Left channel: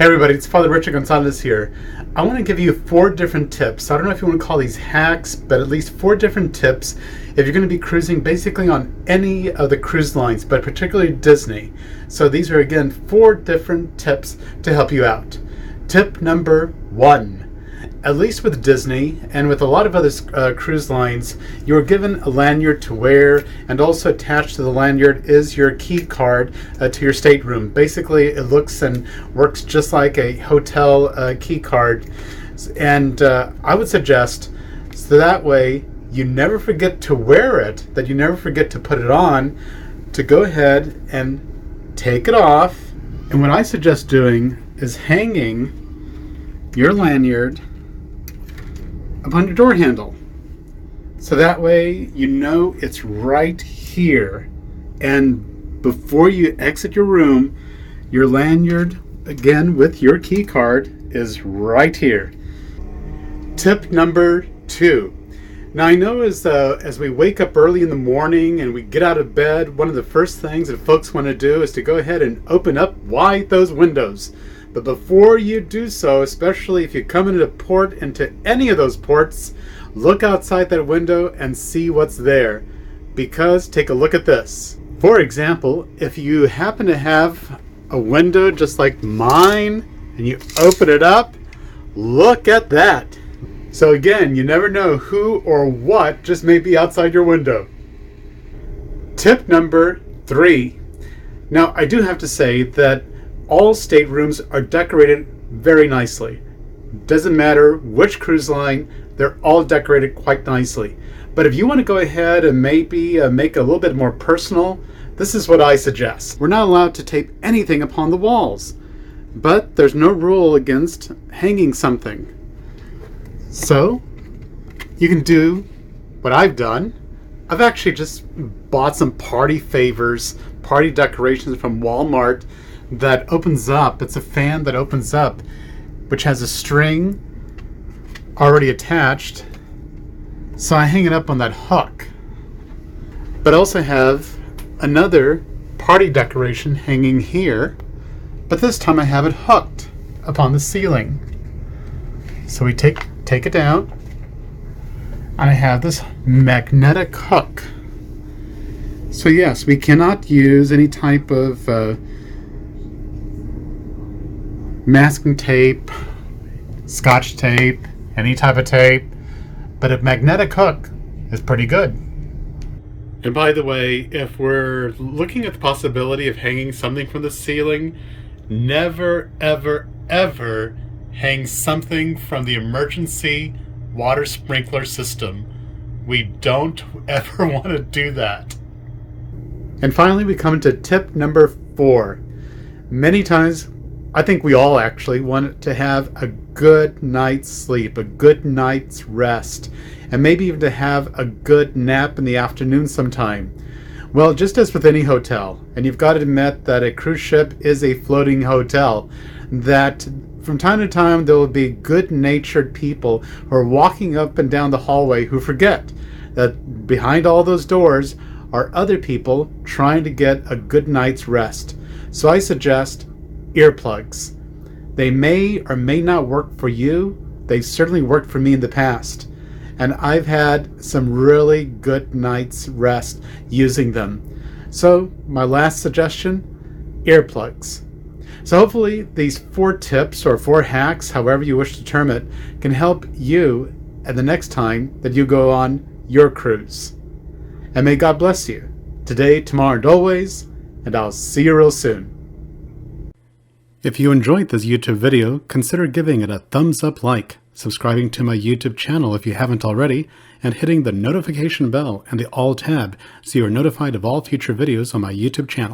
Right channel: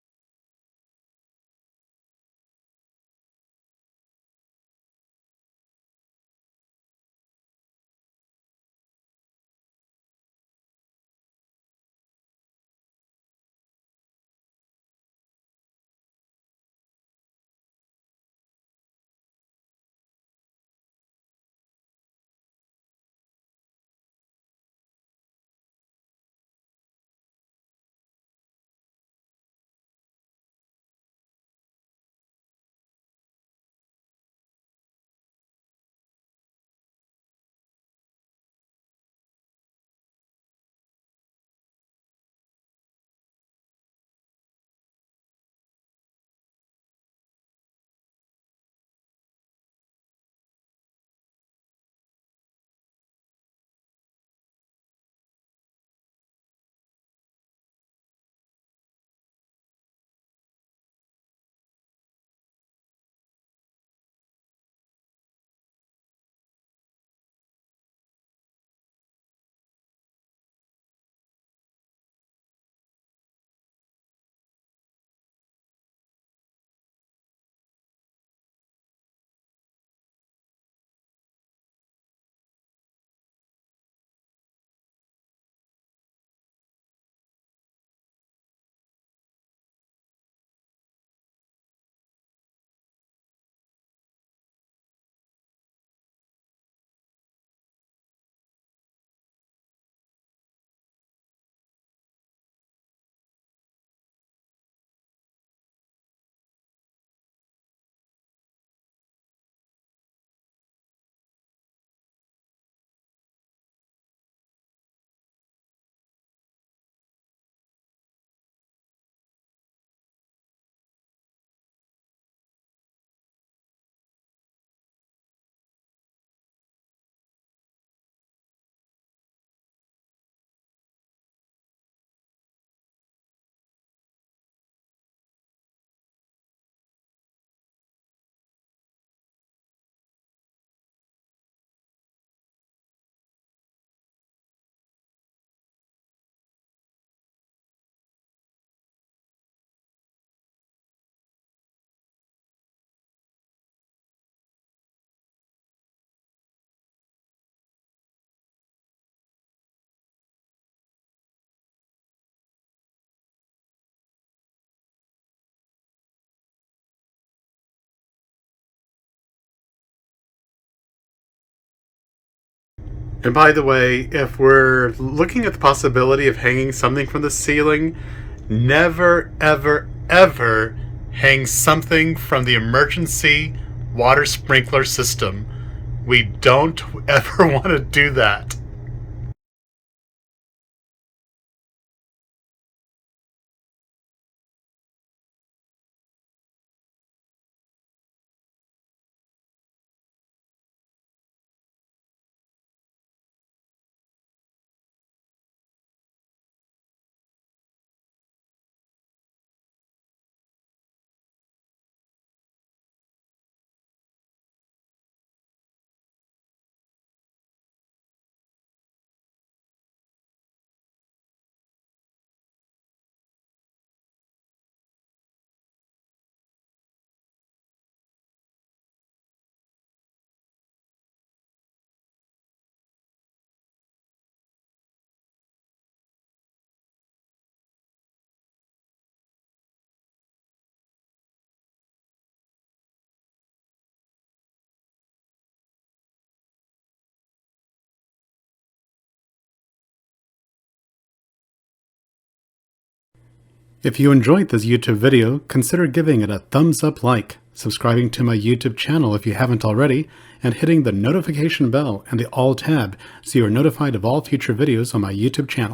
Hey everybody, it's Father Richard Gonzalez here. I want to give you 4 different tips. I don't know if you want to call these hacks, but at least 4 different tips if you're going to be cruising basically on any of the cruise lines, but particularly Disney. So these are again 4 different tips to help you out. Tip number 1. At least with Disney and with a lot of other cruise lines, you are given a lanyard to wear, and also attached to the lanyard is your key card to your stateroom. Basically, it looks and works just like a hotel key card, and I would suggest so that way you never forget to wear it, that you never forget to put it on, to go ahead and take it off. And what I suggest doing is hanging your lanyard upon your door handle, so that way you know it's right here, and before you exit your room, your lanyard again with your key card is right here. Tip number 2. Now I know as we wake up early in the morning and we get out of bed, one of the first things that folks want to do is to go ahead and open up wide those windows. But before you do so, especially if you come into port, into any of those ports, look outside that window and see what's there. Because take a look at this. For example, if you happen to have a window just like mine and you open it up, look at that. So again, you never know who or what just may be outside your window. Tip number 3. Now I do have to say that all staterooms are decorated very nicely. Doesn't matter which cruise line, they're all decorated quite nicely. But if you want to go ahead and maybe make it a little bit more personal, this is what I suggest. We're not allowed to tape anything upon the walls, but there's no rule against hanging something. So you can do what I've done. I've actually just bought some party favors, party decorations from Walmart that opens up. It's a fan that opens up, which has a string already attached. So I hang it up on that hook. But I also have another party decoration hanging here, but this time I have it hooked upon the ceiling. So we take it down, and I have this magnetic hook. So yes, we cannot use any type of masking tape, scotch tape, any type of tape, but a magnetic hook is pretty good. And by the way, if we're looking at the possibility of hanging something from the ceiling, never ever ever hang something from the emergency water sprinkler system. We don't ever want to do that. And finally, we come to tip number 4. Many times, I think we all actually want to have a good night's sleep, a good night's rest, and maybe even to have a good nap in the afternoon sometime. Well, just as with any hotel, and you've got to admit that a cruise ship is a floating hotel, that from time to time there will be good-natured people who are walking up and down the hallway who forget that behind all those doors are other people trying to get a good night's rest. So I suggest earplugs. They may or may not work for you. They've certainly worked for me in the past, and I've had some really good night's rest using them. So my last suggestion, earplugs. So hopefully these 4 tips or 4 hacks, however you wish to term it, can help you at the next time that you go on your cruise. And may God bless you today, tomorrow, and always, and I'll see you real soon. If you enjoyed this YouTube video, consider giving it a thumbs up like, subscribing to my YouTube channel if you haven't already, and hitting the notification bell and the all tab so you are notified of all future videos on my YouTube channel.